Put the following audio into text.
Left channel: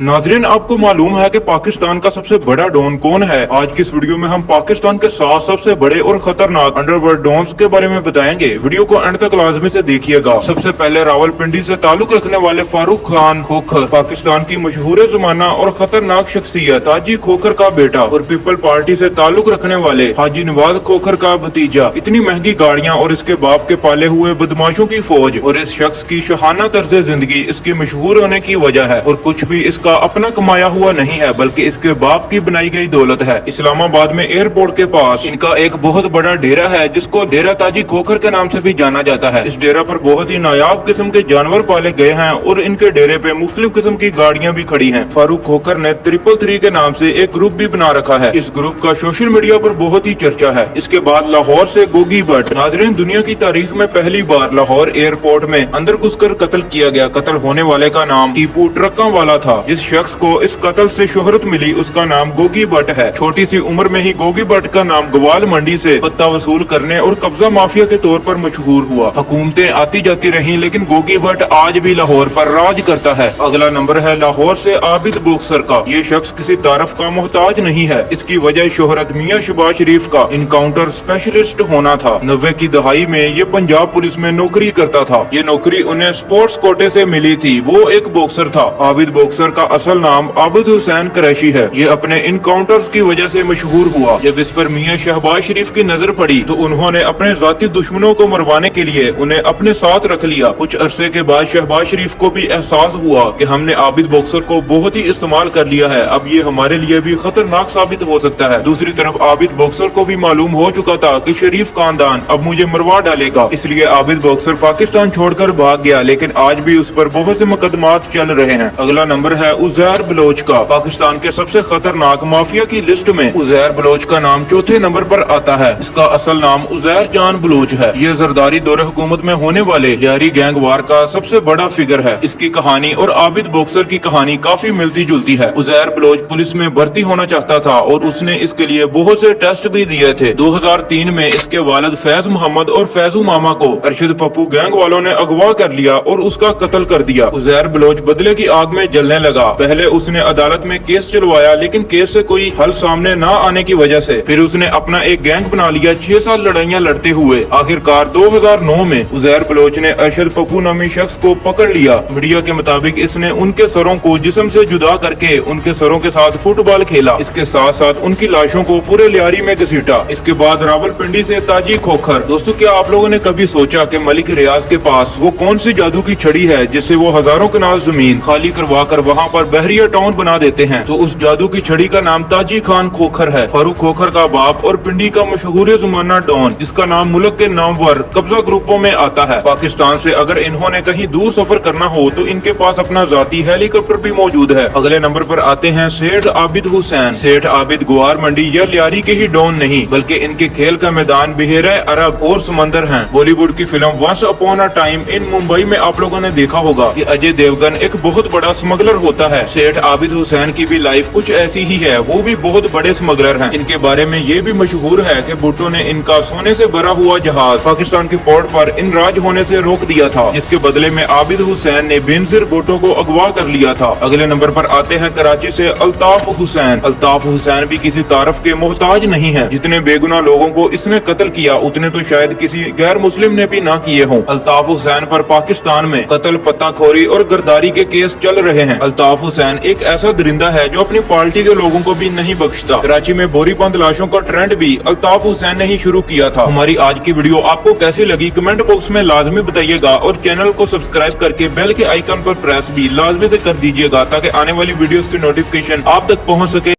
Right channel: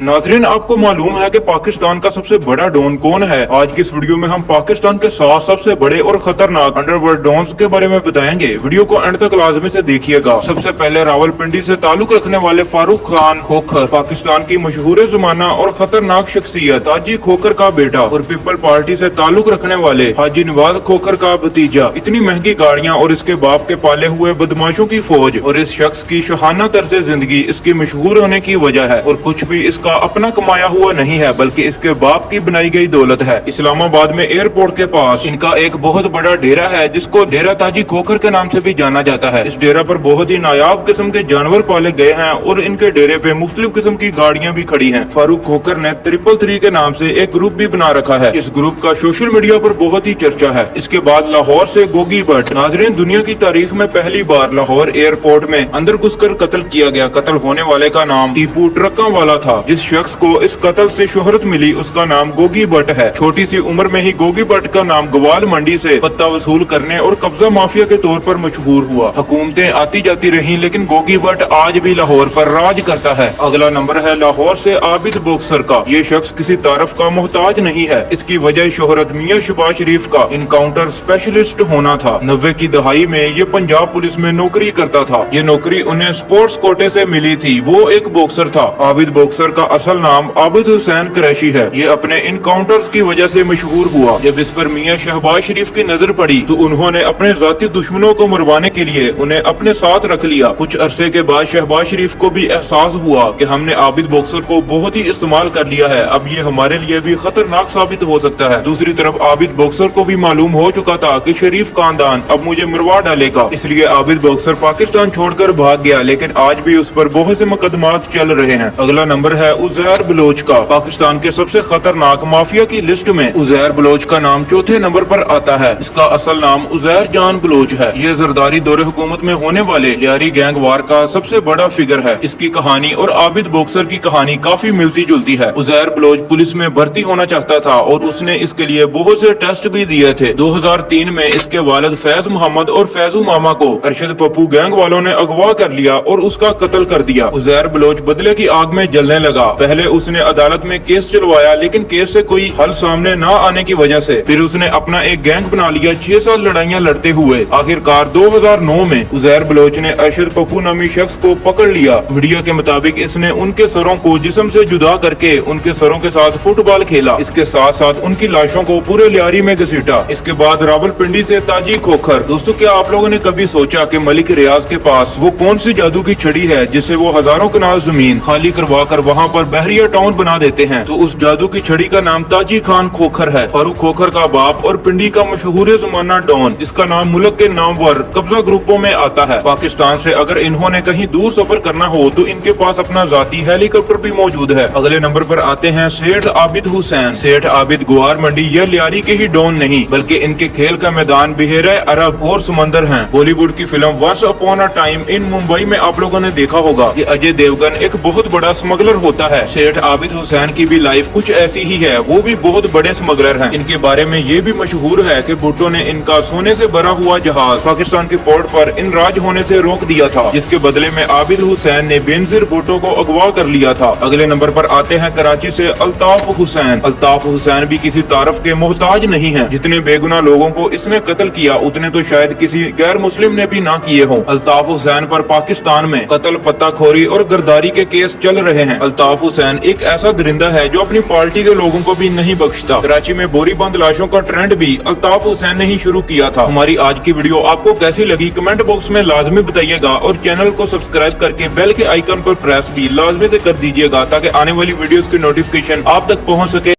नाजरीन, आपको मालूम है कि पाकिस्तान का सबसे बड़ा डॉन कौन है? आज की इस वीडियो में हम पाकिस्तान के 7 सबसे बड़े और खतरनाक अंडरवर्ल्ड डॉन्स के बारे में बताएंगे। वीडियो को एंड तक लाजमी से देखिएगा। सबसे पहले रावलपिंडी से ताल्लुक रखने वाले फारूक खान खोखर, पाकिस्तान की मशहूर जमाना और खतरनाक शख्सियत हाजी खोखर का बेटा और पीपल पार्टी से ताल्लुक रखने वाले हाजी नवाज खोखर का भतीजा। इतनी महंगी गाड़ियाँ और इसके बाप के पाले हुए बदमाशों की फौज और इस शख्स की शहाना तर्ज जिंदगी इसकी मशहूर होने की वजह है, और कुछ भी इसका अपना कमाया हुआ नहीं है बल्कि इसके बाप की बनाई गई दौलत है। इस्लामाबाद में एयरपोर्ट के पास इनका एक बहुत बड़ा डेरा है जिसको डेरा ताजी खोखर के नाम से भी जाना जाता है। इस डेरा पर बहुत ही नायाब किस्म के जानवर पाले गए हैं और इनके डेरे पे मुख्तलिफ किस्म की गाड़ियाँ भी खड़ी हैं। फारूक खोखर ने 333 के नाम से एक ग्रुप भी बना रखा है। इस ग्रुप का सोशल मीडिया पर बहुत ही चर्चा है। इसके बाद लाहौर से गोगी भट्ट। नाजरीन, दुनिया की तारीख में पहली बार लाहौर एयरपोर्ट में अंदर घुसकर कत्ल किया गया। कत्ल होने वाले का नाम टीपू ट्रक्का वाला था। जिस शख्स को इस कत्ल से शोहरत मिली उसका नाम गोगी भट्ट है। छोटी सी उम्र में ही गोगी भट्ट का नाम ग्वाल मंडी से पत्ता वसूल करने और कब्जा माफिया के तौर पर मशहूर हुआ। हुकूमतें आती जाती रही लेकिन गोगी भट्ट आज भी लाहौर पर राज करता है। अगला नंबर है लाहौर से आबिद बोक्सर का। ये शख्स किसी तारफ का मोहताज नहीं है। इसकी वजह शोहरत मियां शहबाज शरीफ का इनकाउंटर स्पेशलिस्ट होना था। 90 की दहाई में ये पंजाब पुलिस में नौकरी करता था। ये नौकरी उन्हें स्पोर्ट्स कोटे से मिली थी। वो एक बॉक्सर था। आबिद बॉक्सर का असल नाम आबिद हुसैन कुरैशी है। ये अपने इनकाउंटर्स की वजह से मशहूर हुआ। जब इस पर मियां शहबाज शरीफ की नजर पड़ी तो उन्होंने अपने जाती दुश्मनों को मरवाने के लिए उन्हें अपने साथ रख लिया। कुछ अरसे के बाद शहबाज शरीफ को भी एहसास हुआ कि हमने आबिद बॉक्सर को बहुत ही इस्तेमाल कर लिया है, अब ये हमारे लिए भी खतरनाक साबित हो सकता है। दूसरी तरफ आबिद बॉक्सर को भी मालूम हो चुका था कि शरीफ खानदान अब मुझे मरवा डालेगा, इसलिए आबिद बॉक्सर पाकिस्तान छोड़कर भाग गया। लेकिन आज भी उस पर बहुत से मुकदमात चल रहे हैं। अगला नंबर है उजैर बलोच का। पाकिस्तान के सबसे खतरनाक माफिया की लिस्ट में उजैर बलोच का नाम चौथे नंबर पर आता है। इसका असल नाम उजैर जान बलोच है। यह जरदारी दौरे हुकूमत में होने वाले लियारी गैंग वार का सबसे बड़ा फिगर है। इसकी कहानी और आबिद बॉक्सर की कहानी काफी मिलती जुलती है। उजैर बलोच पुलिस में भर्ती होना चाहता था और उसने इसके लिए बहुत से टेस्ट भी दिए थे। 2003 में इसके वालिद फैज मोहम्मद और फैजू मामा को अरशद पप्पू गैंग वालों ने अगवा कर लिया और उसका कत्ल कर दिया। उजैर बलोच बदले की आग में जलने लगा। पहले उसने अदालत में केस चलवाया लेकिन केस से कोई हल सामने न आने की वजह से फिर उसने अपना एक गैंग बना लिया। 6 साल लड़ाइयाँ लड़ते हुए आखिरकार 2009 में उजैर बलोच ने अरशद पप्पू नामी शख्स को पकड़ लिया। मीडिया के मुताबिक इसने उनके सरों को जिस्म से जुदा करके उनके सरों के साथ फुटबॉल खेला। इसके साथ साथ उनकी लाशों को पूरे लियारी में घसीटा। इसके बाद रावलपिंडी से ताजी खोखर। दोस्तों, क्या आप लोगों ने कभी सोचा कि मलिक रियाज के पास वो कौन सी जादू की छड़ी है जिससे वो हजारों कनाल जमीन खाली करवा कर वहाँ पर बहरिया टाउन बना देते हैं? तो उस जादू की छड़ी का नाम ताजी खान खोखर है। फारूक खोखर का बाप और पिंडी का मशहूर जमाना डॉन। इसका नाम मुल्क के नाम पर कब्जा ग्रुपों में आता है। पाकिस्तान से अगर इन्होंने कहीं दूर सफर करना हो तो इनके पास अपना जाती हेलीकॉप्टर भी मौजूद है। अगले नंबर पर आते हैं सेठ आबिद हुसैन। सेठ आबिद ग्वार मंडी ये लियारी के ही डॉन नहीं बल्कि इनके खेल का मैदान बहेरे अरब और समंदर है। बॉलीवुड की film once upon a time in Mumbai में आप लोगों ने देखा होगा कि अजय देवगन एक बहुत बड़ा स्मगलर होता है। सेठ आबिद हुसैन की भी लाइफ कुछ ऐसी ही है। वो भी बहुत बड़े स्मगलर हैं। इनके बारे में ये भी मशहूर है कि भुट्टो ने इनका सोने से भरा हुआ जहाज पाकिस्तान के पोर्ट पर इन राज होने से रोक दिया था, जिसके बदले में आबिद हुसैन ने बेनजीर भुट्टो को अगवा कर लिया था। अगले नंबर पर आते हैं कराची से अल्ताफ हुसैन। अल्ताफ हुसैन भी किसी तारफ के मोहताज नहीं है। जितने बेगुनाह लोगों को इसने कत्ल किया उतने तो शायद किसी गैर मुस्लिम ने भी ना किए हों। अल्ताफ हुसैन पर पाकिस्तान में कत्ल, पत्ताखोरी और गिरदारी के केस चल रहे हैं। अल्ताफ हुसैन एक ऐसा दरिंदा है जो अपनी पार्टी के लोगों को भी नहीं बख्शता। कराची में बोरी बंद लाशों का ट्रेंड भी अल्ताफ हुसैन ने ही शुरू किया था। हमारी आज की वीडियो आपको कैसी लगी कमेंट बॉक्स में लाजमी बताइएगा और चैनल को सब्सक्राइब करके बेल के आइकन पर प्रेस भी लाजमी से कर दीजिएगा ताकि आने वाली वीडियोस की नोटिफिकेशन आप तक पहुंच सके।